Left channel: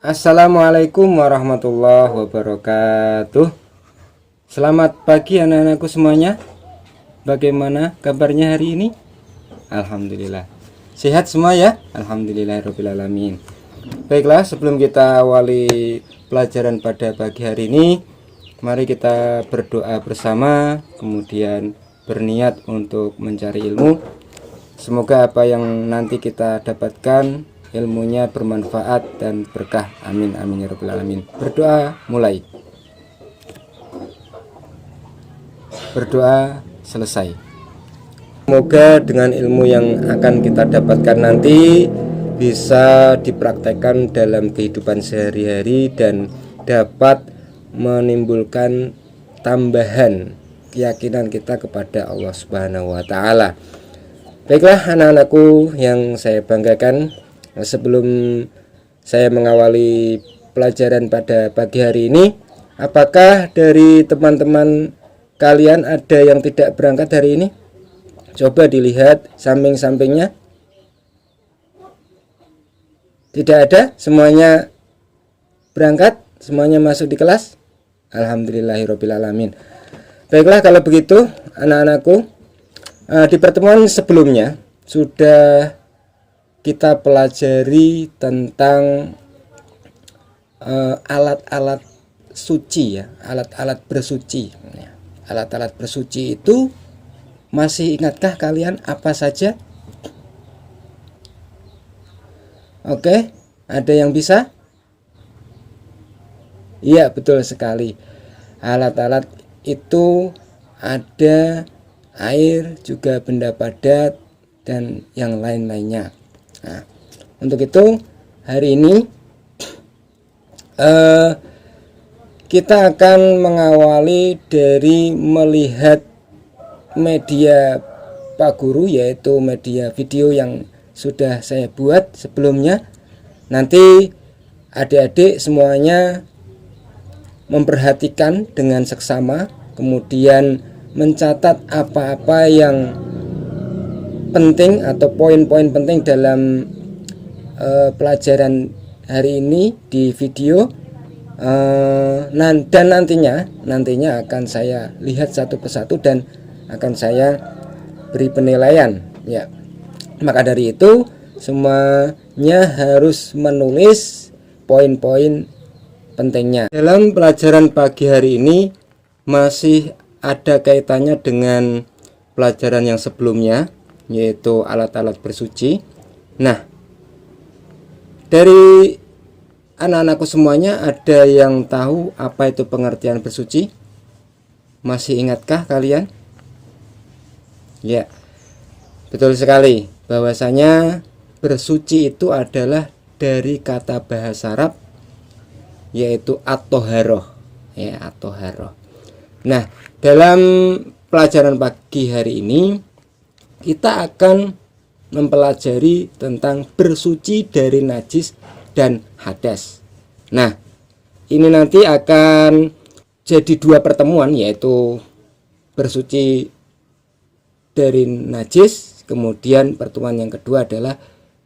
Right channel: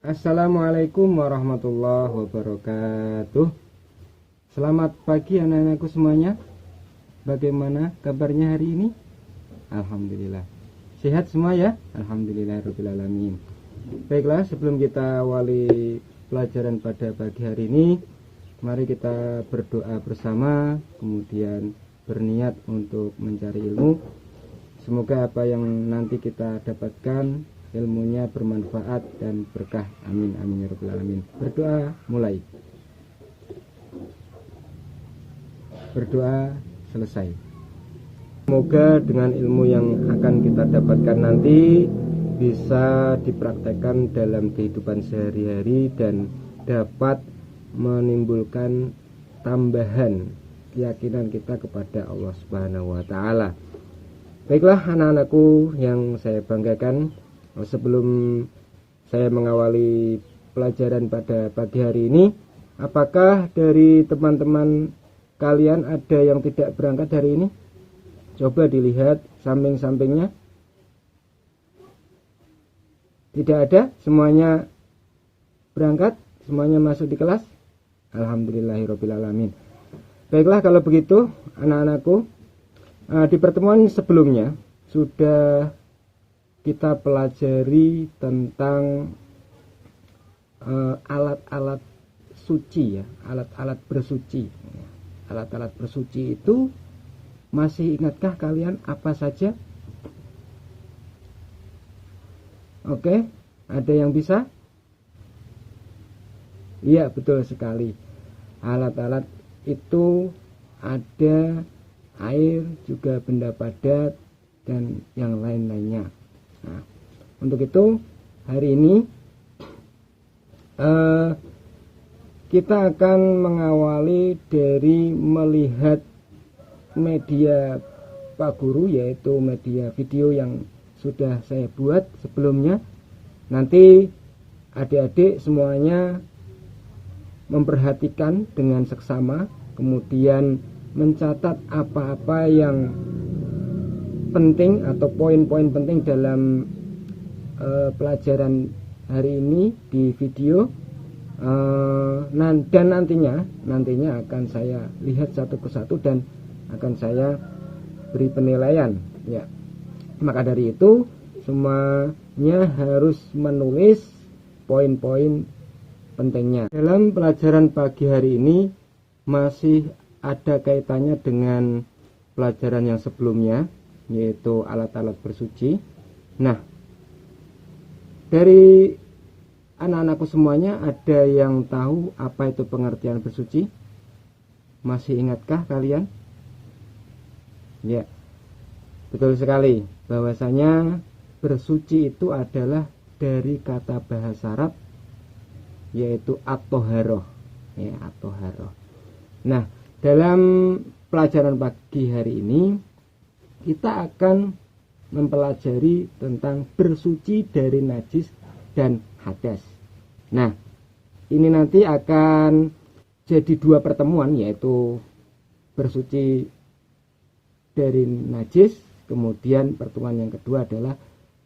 Assalamualaikum warahmatullahi wabarakatuh. Selamat pagi anak-anakku semuanya. Bagaimana kabarnya hari ini? Alhamdulillah sehat semua ya. Alhamdulillahirobbilalamin. Baiklah, sebelum kita awali pelajaran pada pagi hari ini, mari kita berdoa bersama, kemudian berniat untuk mencari ilmu. Semoga apa yang nanti kita dapatkan ilmunya bermanfaat dan berkah. Amin amin ya rabbal alamin. Berdoa mulai. Berdoa selesai. Semoga dengan ilmu yang akan kita dapatkan nanti bisa dipraktekkan dalam kehidupan sehari-hari dan dapat menimbulkan tambahan keyakinan kita kepada Allah Subhanahu wa taala. Baiklah anak-anakku yang saya banggakan, sebelum saya mengawali pelajaran pada pagi hari ini, apakah dari teman-teman kalian ada yang tidak berangkat hari ini? Coba dilihat samping-sampingnya. Tidak ada, semuanya berangkat, semuanya masuk di kelas. Alhamdulillahirobbilalamin. Baiklah kalau begitu anak-anakku, di pertemuan sebelumnya sudah kita pelajari tentang alat-alat suci ya, alat-alat bersuci. Alat-alat bersuci itu masih ingatkah kalian apa saja? Oke, ada yang bisa? Iya, betul sekali. Alat-alat itu ada air, juga benda padat, dan yang lain-lainnya. Nah, untuk itu hari ini kita akan mengawali dari melihat media Pak Guru, yaitu media video yang sudah saya buat sebelumnya. Nanti adik-adik semuanya memperhatikan dengan seksama, kemudian mencatat apa-apa yang penting atau poin-poin penting dalam pelajaran hari ini di video, dan nantinya akan saya lihat satu persatu dan akan saya beri penilaian ya. Maka dari itu semuanya harus menulis poin-poin pentingnya. Dalam pelajaran pagi hari ini masih ada kaitannya dengan pelajaran yang sebelumnya, yaitu alat-alat bersuci. Nah, dari anak-anakku semuanya ada yang tahu apa itu pengertian bersuci? Masih ingatkah kalian? Ya, betul sekali. Bahwasanya bersuci itu adalah dari kata bahasa Arab, yaitu at-toharoh ya, at-toharoh. Nah, dalam pelajaran pagi hari ini kita akan mempelajari tentang bersuci dari najis dan hadas. Nah, ini nanti akan jadi dua pertemuan, yaitu bersuci dari najis, kemudian pertemuan yang kedua adalah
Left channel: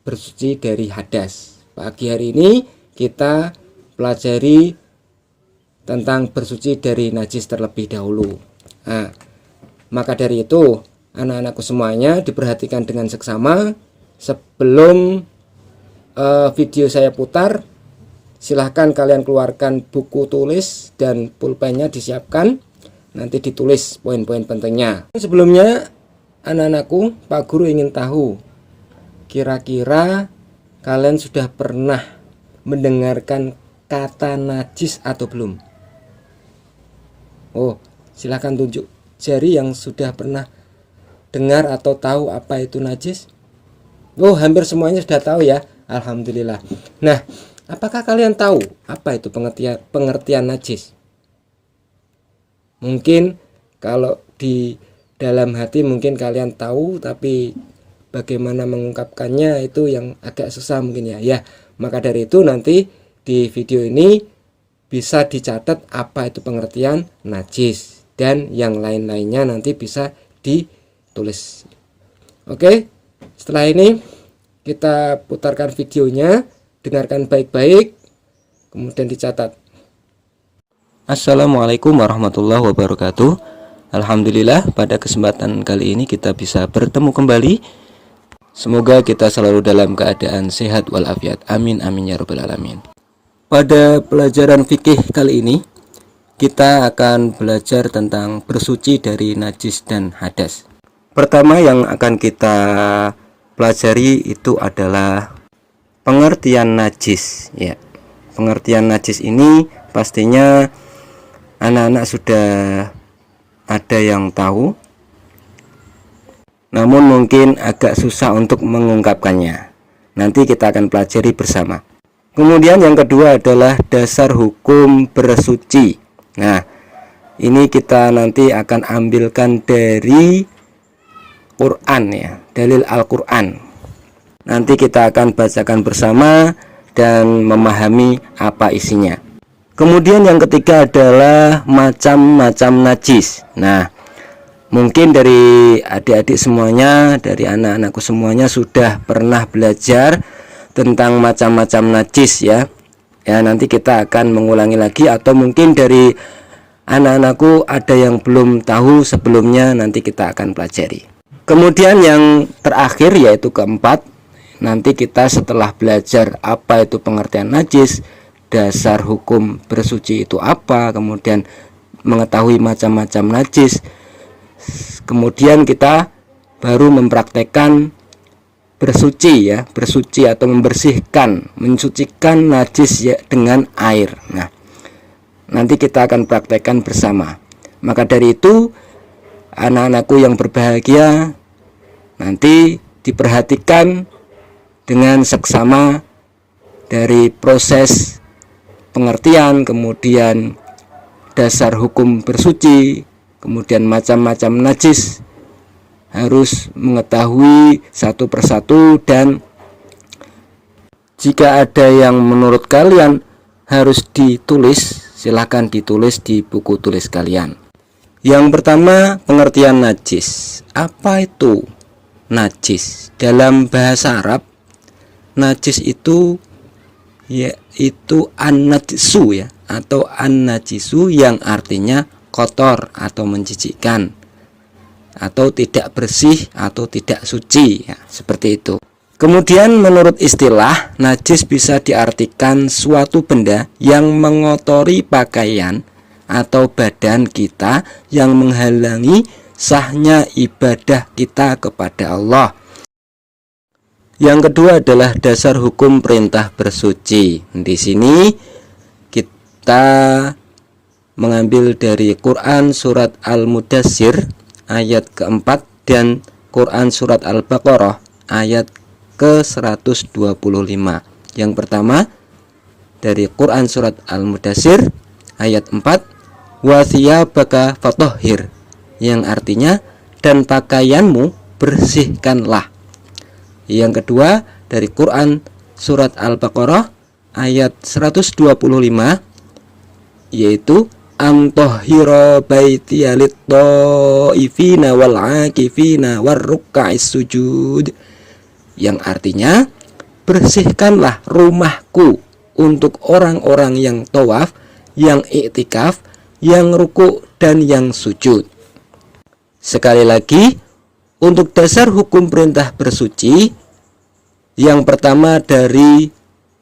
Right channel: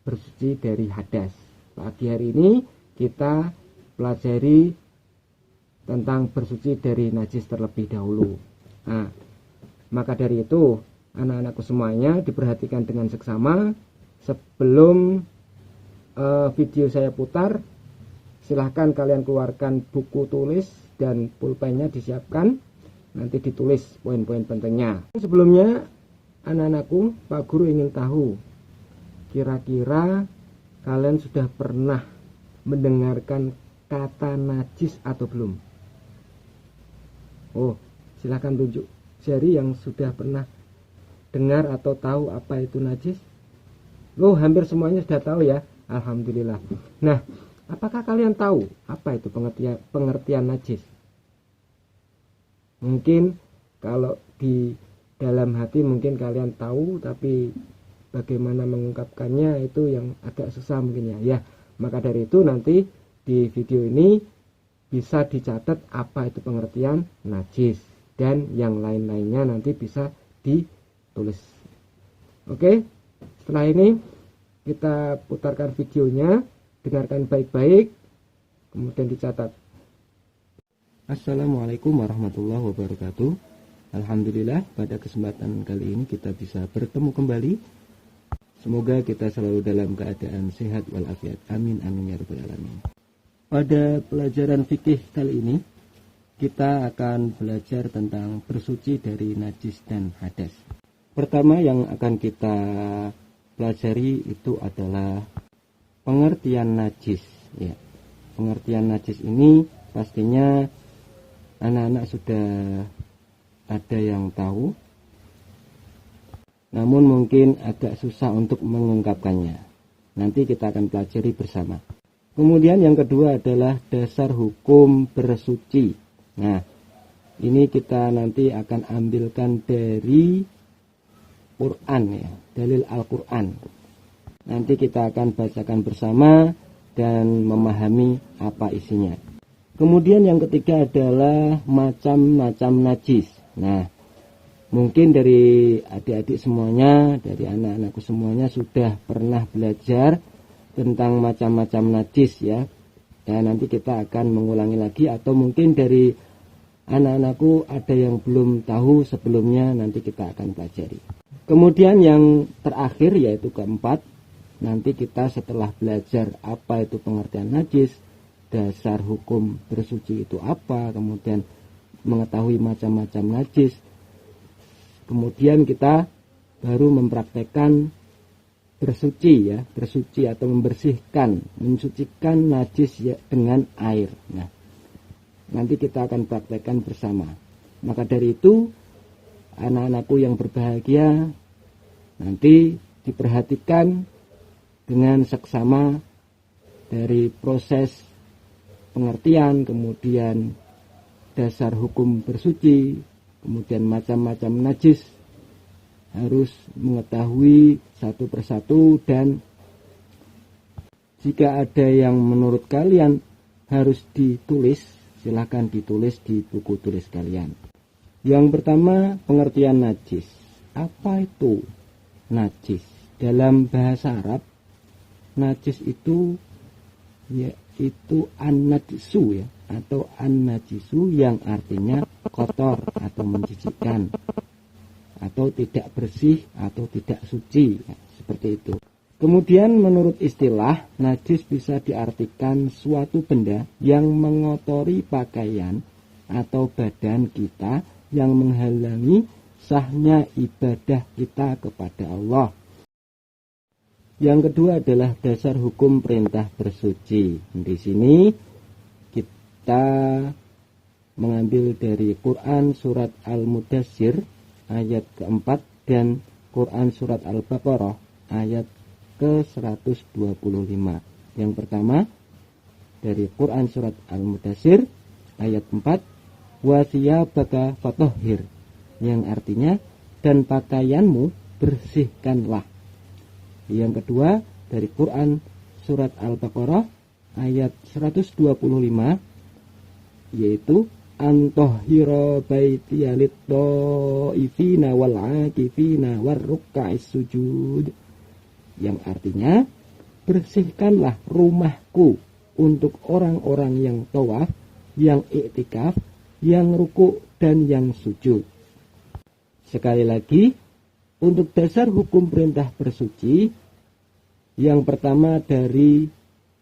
bersuci dari hadas. Pagi hari ini kita pelajari tentang bersuci dari najis terlebih dahulu. Nah, maka dari itu anak-anakku semuanya diperhatikan dengan seksama. Sebelum video saya putar, silahkan kalian keluarkan buku tulis dan pulpennya disiapkan, nanti ditulis poin-poin pentingnya. Sebelumnya anak-anakku, Pak Guru ingin tahu, kira-kira kalian sudah pernah mendengarkan kata najis atau belum? Oh, silahkan tunjuk jari yang sudah pernah dengar atau tahu apa itu najis. Oh, hampir semuanya sudah tahu ya. Alhamdulillah. Nah, apakah kalian tahu apa itu pengertian najis? Mungkin kalau di dalam hati mungkin kalian tahu, tapi bagaimana mengungkapkannya itu yang agak susah mungkin ya. Ya, maka dari itu nanti di video ini bisa dicatat apa itu pengertian najis, dan yang lain-lainnya nanti bisa ditulis. Oke, setelah ini kita putarkan videonya, dengarkan baik-baik, kemudian dicatat. Assalamualaikum warahmatullahi wabarakatuh. Alhamdulillah, pada kesempatan kali ini kita bisa bertemu kembali. Semoga kita selalu dalam keadaan sehat walafiat. Amin amin ya rabbal alamin. Pada pelajaran fikih kali ini kita akan belajar tentang bersuci dari najis dan hadas. Pertama yang akan kita pelajari itu adalah pengertian najis ya. Pengertian najis ini pastinya anak-anak sudah ada yang tahu, namun mungkin agak susah untuk mengungkapkannya. Nanti kita akan pelajari bersama. Kemudian yang kedua adalah dasar hukum bersuci. Nah, ini kita nanti akan ambilkan dari Quran ya, dalil Al-Quran. Nanti kita akan bacakan bersama dan memahami apa isinya. Kemudian yang ketiga adalah macam-macam najis. Nah, mungkin dari adik-adik semuanya, dari anak-anakku semuanya sudah pernah belajar tentang macam-macam najis ya. Ya, nanti kita akan mengulangi lagi, atau mungkin dari anak-anakku ada yang belum tahu sebelumnya, nanti kita akan pelajari. Kemudian yang terakhir yaitu keempat, nanti kita setelah belajar apa itu pengertian najis, dasar hukum bersuci itu apa, kemudian mengetahui macam-macam najis, kemudian kita baru mempraktekkan bersuci ya, bersuci atau membersihkan, mensucikan najis ya dengan air. Nah, nanti kita akan praktekkan bersama. Maka dari itu anak-anakku yang berbahagia, nanti diperhatikan dengan seksama dari proses pengertian, kemudian dasar hukum bersuci, kemudian macam-macam najis, harus mengetahui satu persatu, dan jika ada yang menurut kalian harus ditulis, silahkan ditulis di buku tulis kalian. Yang pertama, pengertian najis. Apa itu najis? Dalam bahasa Arab, najis itu yaitu an-najisu ya, atau an-najisu yang artinya kotor atau menjijikkan, atau tidak bersih atau tidak suci ya, seperti itu. Kemudian menurut istilah, najis bisa diartikan suatu benda yang mengotori pakaian atau badan kita, yang menghalangi sahnya ibadah kita kepada Allah. Yang kedua adalah dasar hukum perintah bersuci. Di sini kita mengambil dari Quran surat Al-Mudassir ayat keempat dan Quran surat Al-Baqarah ayat ke-125. Yang pertama dari Quran surat Al-Mudassir ayat 4, wa thiyabaka fatahhir, yang artinya dan pakaianmu bersihkanlah. Yang kedua dari Quran surat Al-Baqarah ayat 125, yaitu antahhira baitiya lit-taifina wal 'akifina warruk'is sujud, yang artinya bersihkanlah rumahku untuk orang-orang yang tawaf, yang iktikaf, yang ruku dan yang sujud. Sekali lagi, untuk dasar hukum perintah bersuci, yang pertama dari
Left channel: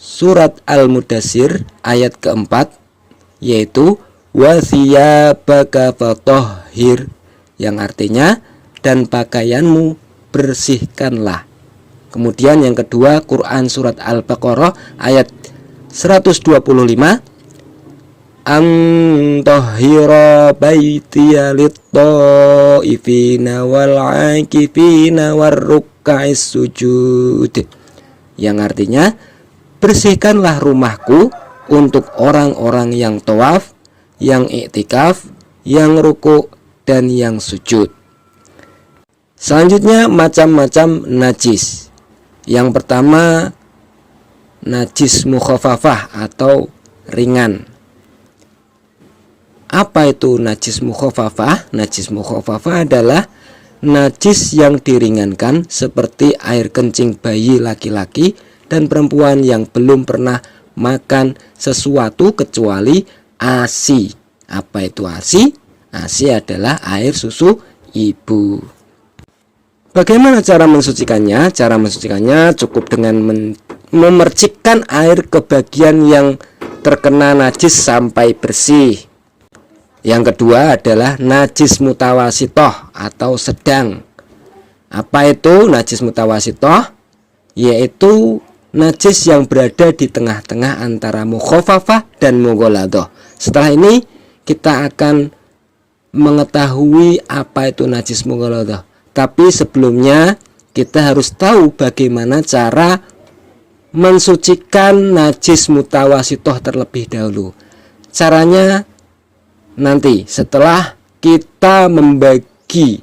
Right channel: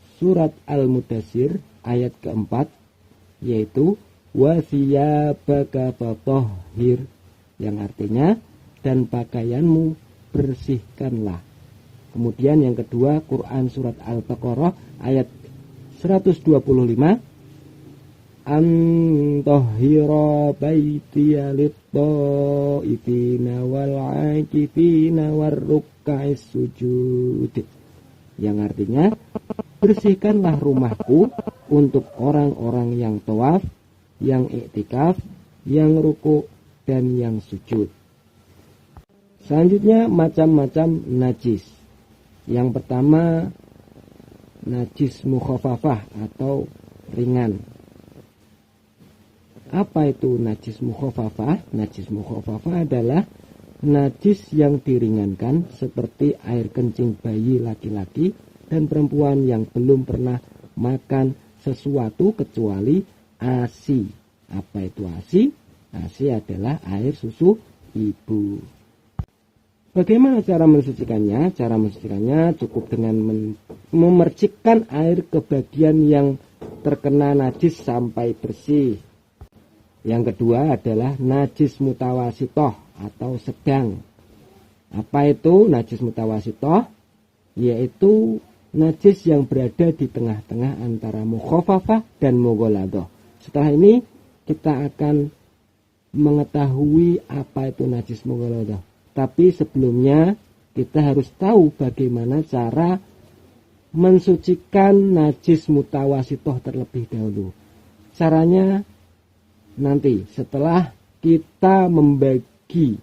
surat Al-Mudassir ayat keempat, yaitu wa thiyabaka fatahhir, yang artinya dan pakaianmu bersihkanlah. Kemudian yang kedua Quran surat Al-Baqarah ayat 125, antahhira baitiya lit-taifina wal 'akifina warruk'is sujud, yang artinya bersihkanlah rumahku untuk orang-orang yang tawaf, yang iktikaf, yang ruku dan yang sujud. Selanjutnya macam-macam najis. Yang pertama najis mukhafafah atau ringan. Apa itu najis mukhafafah? Najis mukhafafah adalah najis yang diringankan, seperti air kencing bayi laki-laki dan perempuan yang belum pernah makan sesuatu kecuali ASI. Apa itu ASI? ASI adalah air susu ibu. Bagaimana cara mensucikannya? Cara mensucikannya cukup dengan memercikkan air ke bagian yang terkena najis sampai bersih. Yang kedua adalah najis mutawasitoh atau sedang. Apa itu najis mutawasitoh? Yaitu najis yang berada di tengah-tengah antara mukhafafah dan mughaladah. Setelah ini kita akan mengetahui apa itu najis mughaladah. Tapi sebelumnya kita harus tahu bagaimana cara mensucikan najis mutawasitoh terlebih dahulu. Caranya nanti setelah kita membagi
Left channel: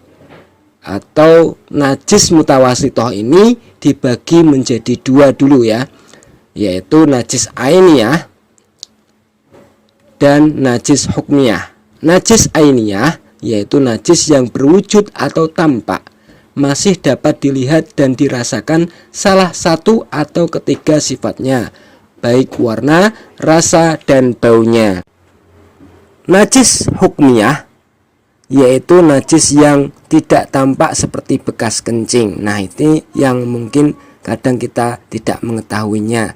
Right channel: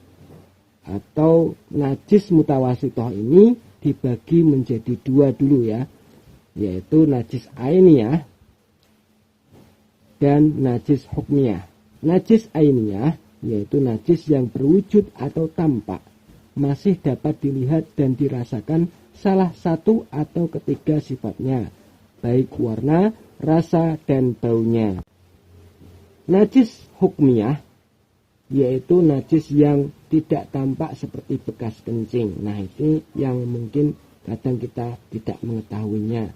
atau najis mutawasitoh ini dibagi menjadi dua dulu ya, yaitu najis ainiyah dan najis hukmiyah. Najis ainiyah yaitu najis yang berwujud atau tampak, masih dapat dilihat dan dirasakan salah satu atau ketiga sifatnya, baik warna, rasa, dan baunya. Najis hukmiyah yaitu najis yang tidak tampak seperti bekas kencing. Nah, ini yang mungkin kadang kita tidak mengetahuinya.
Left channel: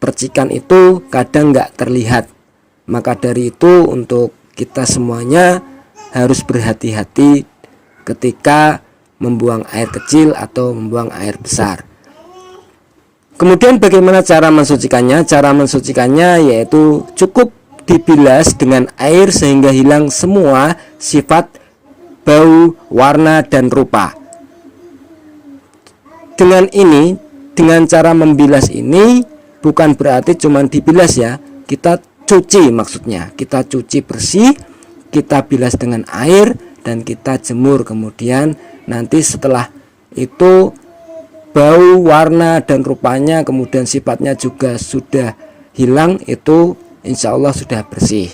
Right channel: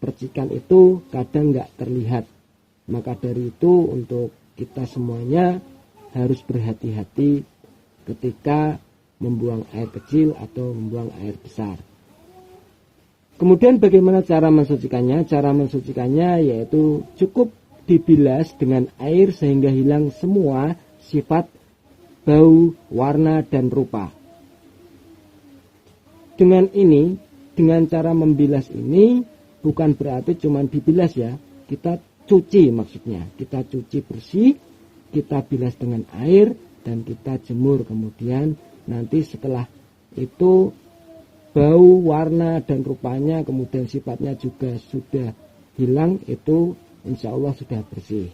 Percikan itu kadang nggak terlihat. Maka dari itu untuk kita semuanya harus berhati-hati ketika membuang air kecil atau membuang air besar. Kemudian bagaimana cara mensucikannya? Cara mensucikannya yaitu cukup dibilas dengan air sehingga hilang semua sifat bau, warna, dan rupa. Dengan cara membilas ini bukan berarti cuma dibilas ya, kita cuci, maksudnya kita cuci bersih, kita bilas dengan air dan kita jemur. Kemudian nanti setelah itu bau, warna, dan rupanya kemudian sifatnya juga sudah hilang, itu insya Allah sudah bersih.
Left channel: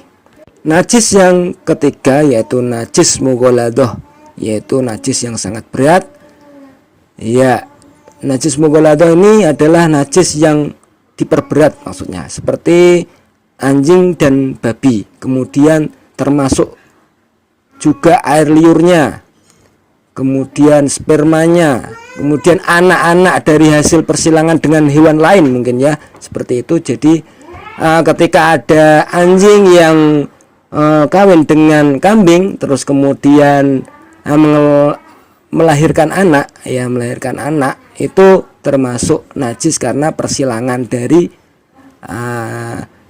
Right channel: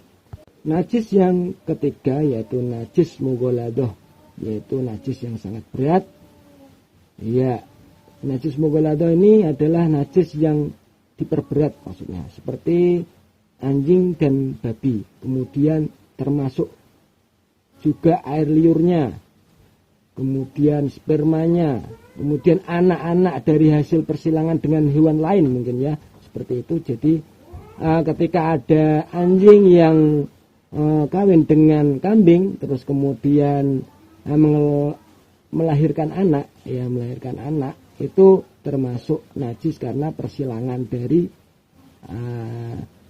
Najis yang ketiga yaitu najis mughaladah, yaitu najis yang sangat berat. Ya, najis mughaladah ini adalah najis yang diperberat, maksudnya seperti anjing dan babi, kemudian termasuk juga air liurnya, kemudian spermanya, kemudian anak-anak dari hasil persilangan dengan hewan lain mungkin ya, seperti itu. Jadi ketika ada anjing yang kawin dengan kambing terus kemudian melahirkan anak, itu termasuk najis karena persilangan dari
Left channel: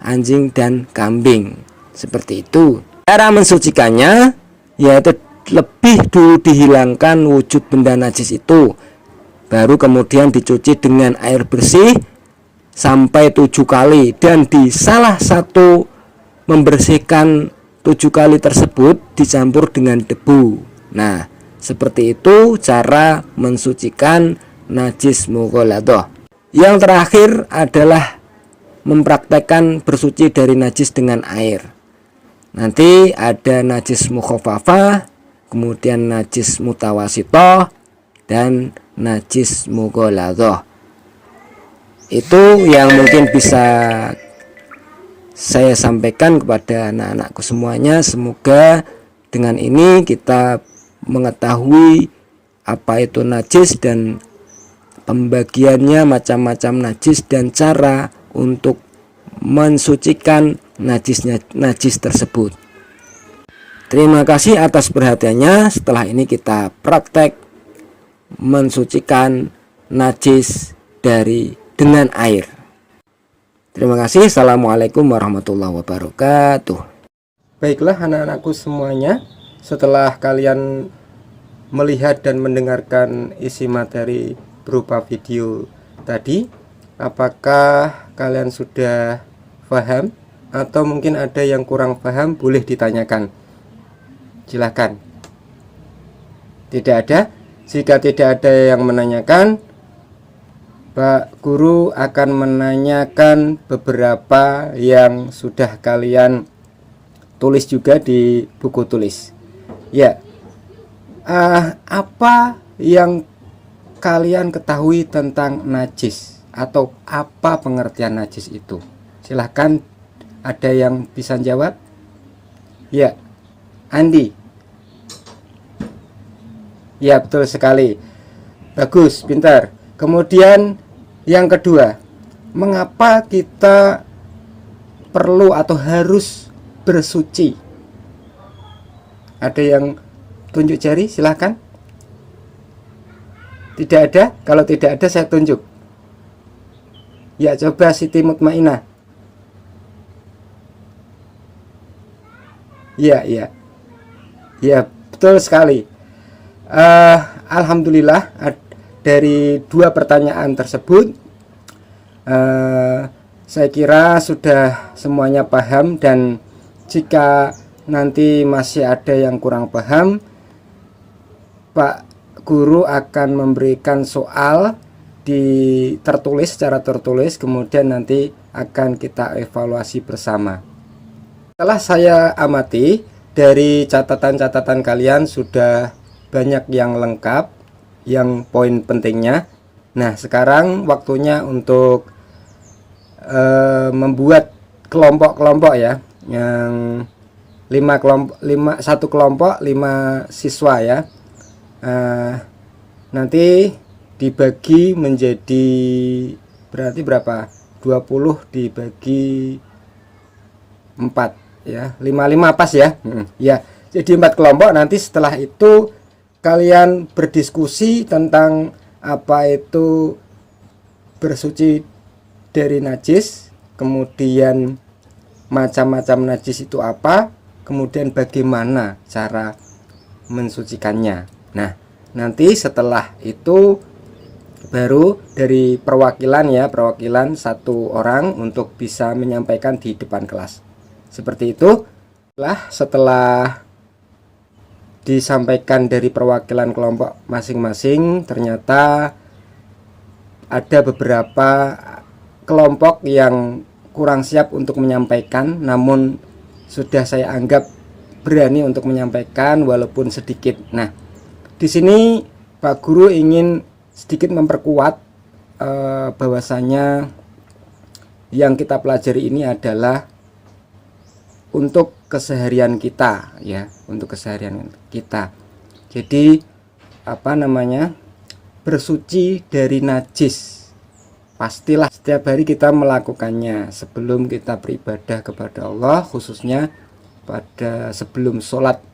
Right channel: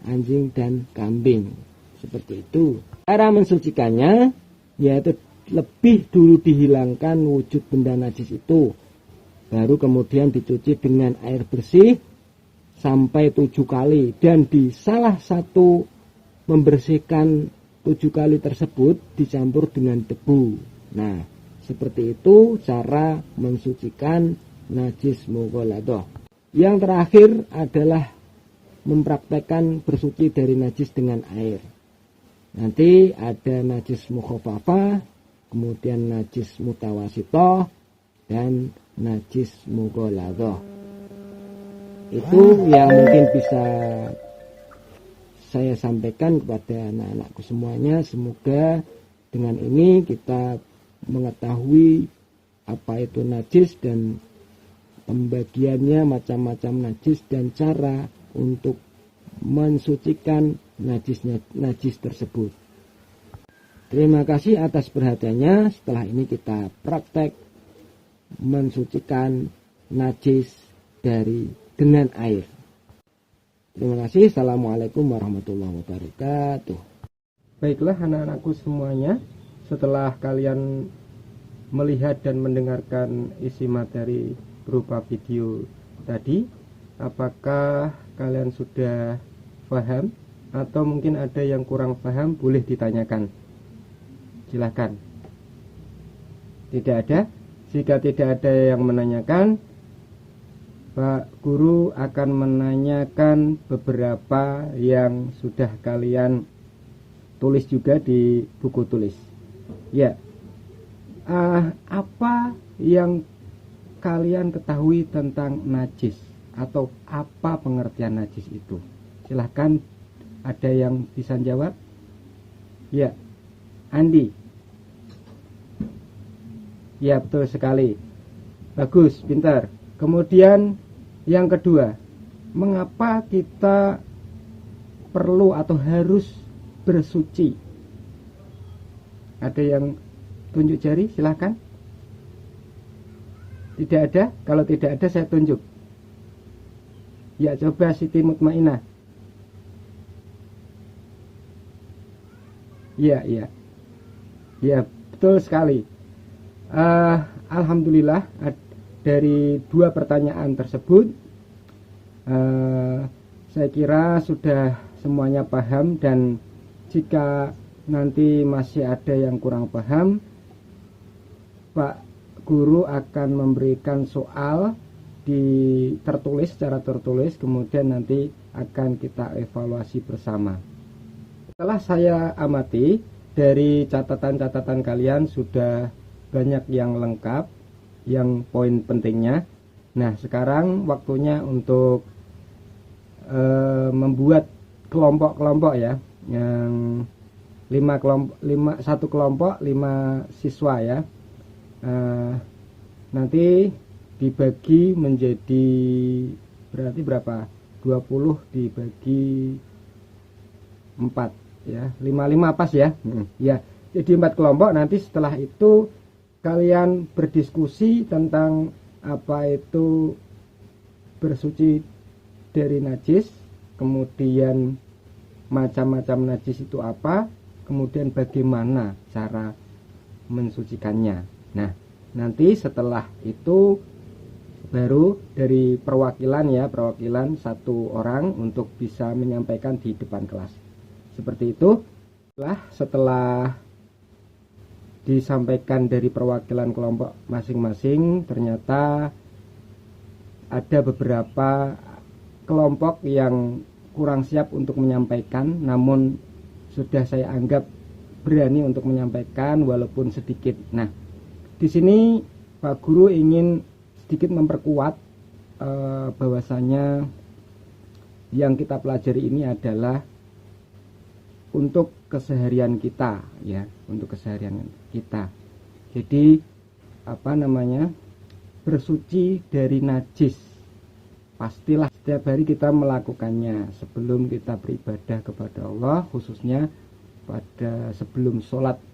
anjing dan kambing, seperti itu. Cara mensucikannya yaitu lebih dulu dihilangkan wujud benda najis itu, baru kemudian dicuci dengan air bersih sampai 7 kali, dan di salah satu membersihkan 7 kali tersebut dicampur dengan debu. Nah, seperti itu cara mensucikan najis mughaladah. Yang terakhir adalah mempraktekkan bersuci dari najis dengan air. Nanti ada najis mukhafafah, kemudian najis mutawasitoh, dan najis mughaladah. Itu yang mungkin bisa saya sampaikan kepada anak-anakku semuanya. Semoga dengan ini kita mengetahui apa itu najis dan pembagiannya, macam-macam najis, dan cara untuk mensucikan najis tersebut. Terima kasih atas perhatiannya. Setelah ini kita praktek mensucikan najis dengan air. Terima kasih. Assalamualaikum warahmatullahi wabarakatuh. Baiklah anak-anakku semuanya, setelah kalian melihat dan mendengarkan isi materi berupa video tadi, apakah kalian sudah paham atau mungkin ada yang kurang paham? Boleh ditanyakan, silahkan. Tidak ada? Jika tidak ada yang menanyakan, Pak Guru akan menanyakan beberapa yang sudah kalian tulis juga di buku tulis. Ya, apa yang kalian ketahui tentang najis, atau apa pengertian najis itu? Silahkan, ada yang bisa jawab? Ya, Andi. Ya, betul sekali. Bagus, pintar. Kemudian yang kedua, mengapa kita perlu atau harus bersuci? Ada yang tunjuk jari? Silahkan. Tidak ada? Kalau tidak ada saya tunjuk. Ya, coba Siti Mutmainah. Ya, betul sekali. Alhamdulillah, dari dua pertanyaan tersebut saya kira sudah semuanya paham, dan jika nanti masih ada yang kurang paham, Pak Guru akan memberikan soal secara tertulis, kemudian nanti akan kita evaluasi bersama. Setelah saya amati, dari catatan-catatan kalian sudah banyak yang lengkap, yang poin pentingnya. Nah, sekarang waktunya untuk membuat kelompok-kelompok ya, yang 5 siswa ya. Nanti dibagi menjadi berarti berapa? 20 dibagi 4 ya, 5 pas ya. Ya, jadi 4 kelompok. Nanti setelah itu kalian berdiskusi tentang apa itu bersuci dari najis, kemudian macam-macam najis itu apa, kemudian bagaimana cara mensucikannya. Nah, nanti setelah itu baru dari perwakilan satu orang untuk bisa menyampaikan di depan kelas. Seperti itu. Setelah disampaikan dari perwakilan kelompok masing-masing, ternyata ada beberapa kelompok yang kurang siap untuk menyampaikan, namun sudah saya anggap berani untuk menyampaikan walaupun sedikit. Nah, di sini Pak Guru ingin sedikit memperkuat bahwasanya yang kita pelajari ini adalah untuk keseharian kita ya, untuk keseharian kita. Jadi bersuci dari najis pastilah setiap hari kita melakukannya sebelum kita beribadah kepada Allah, khususnya sebelum sholat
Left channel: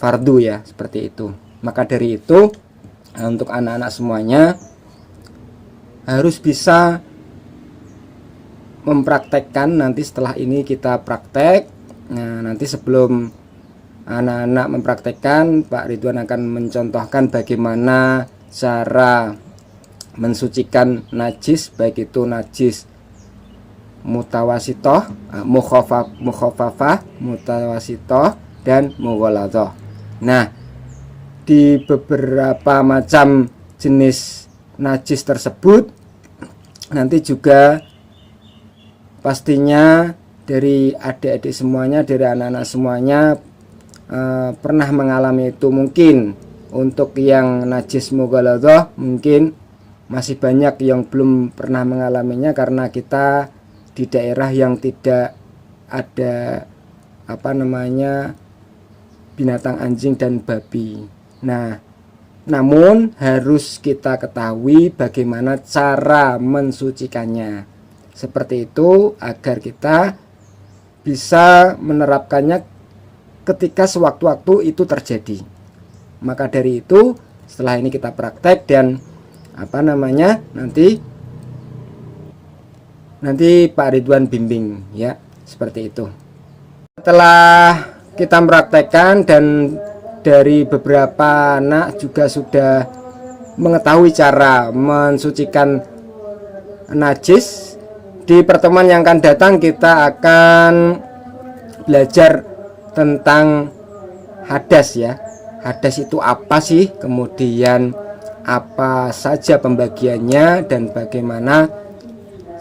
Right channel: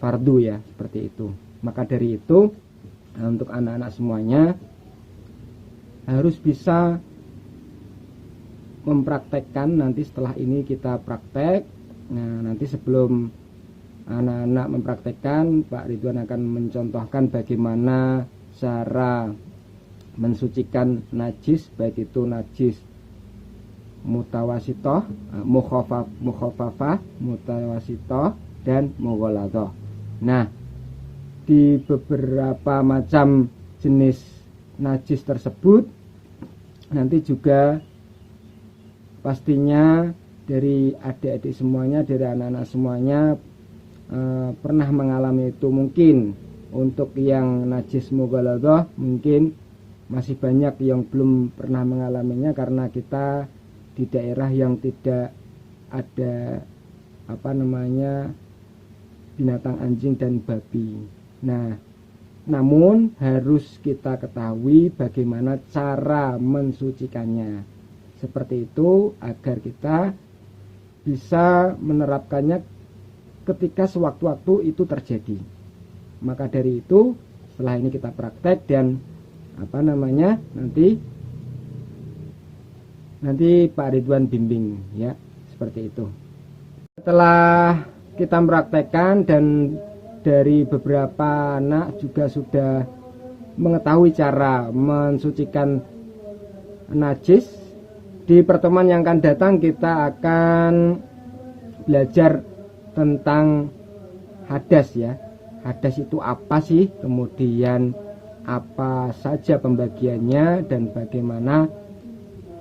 fardu ya, seperti itu. Maka dari itu untuk anak-anak semuanya harus bisa mempraktekkan. Nanti setelah ini kita praktek. Nah, nanti sebelum anak-anak mempraktekkan, Pak Ridwan akan mencontohkan bagaimana cara mensucikan najis, baik itu najis mutawasitoh, mukhafafah, mutawasitoh, dan mughaladhah. Nah, di beberapa macam jenis najis tersebut nanti juga pastinya dari adik-adik semuanya, dari anak-anak semuanya pernah mengalami itu. Mungkin untuk yang najis mughaladhah mungkin masih banyak yang belum pernah mengalaminya karena kita di daerah yang tidak ada binatang anjing dan babi. Nah, namun harus kita ketahui bagaimana cara mensucikannya. Seperti itu agar kita bisa menerapkannya ketika sewaktu-waktu itu terjadi. Maka dari itu setelah ini kita praktek dan nanti Pak Ridwan bimbing ya, seperti itu. Setelah kita mempraktekkan dan dari beberapa anak juga sudah mengetahui cara mensucikan najis, di pertemuan yang akan datang kita akan belajar tentang hadas ya. Hadas itu apa sih, kemudian apa saja pembagiannya, dan bagaimana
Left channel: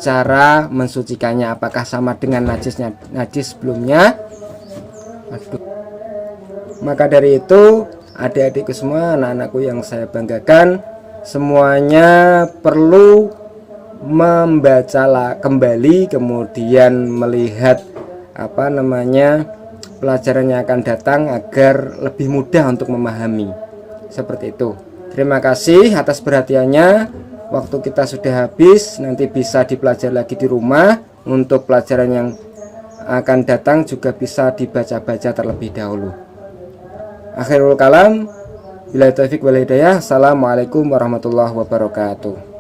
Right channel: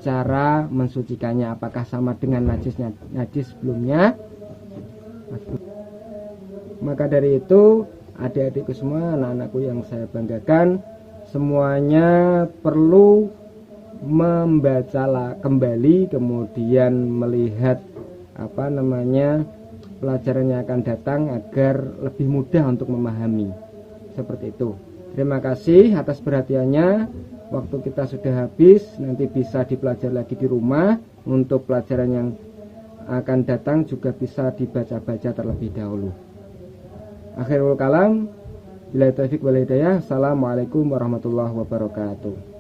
cara mensucikannya, apakah sama dengan najis sebelumnya. Maka dari itu adik-adikku semua, anak-anakku yang saya banggakan, semuanya perlu membaca kembali, kemudian melihat pelajaran yang akan datang agar lebih mudah untuk memahami. Seperti itu. Terima kasih atas perhatiannya. Waktu kita sudah habis, nanti bisa dipelajari lagi di rumah. Untuk pelajaran yang akan datang juga bisa dibaca-baca terlebih dahulu. Akhirul kalam, billahi taufik wal hidayah. Assalamualaikum warahmatullahi wabarakatuh.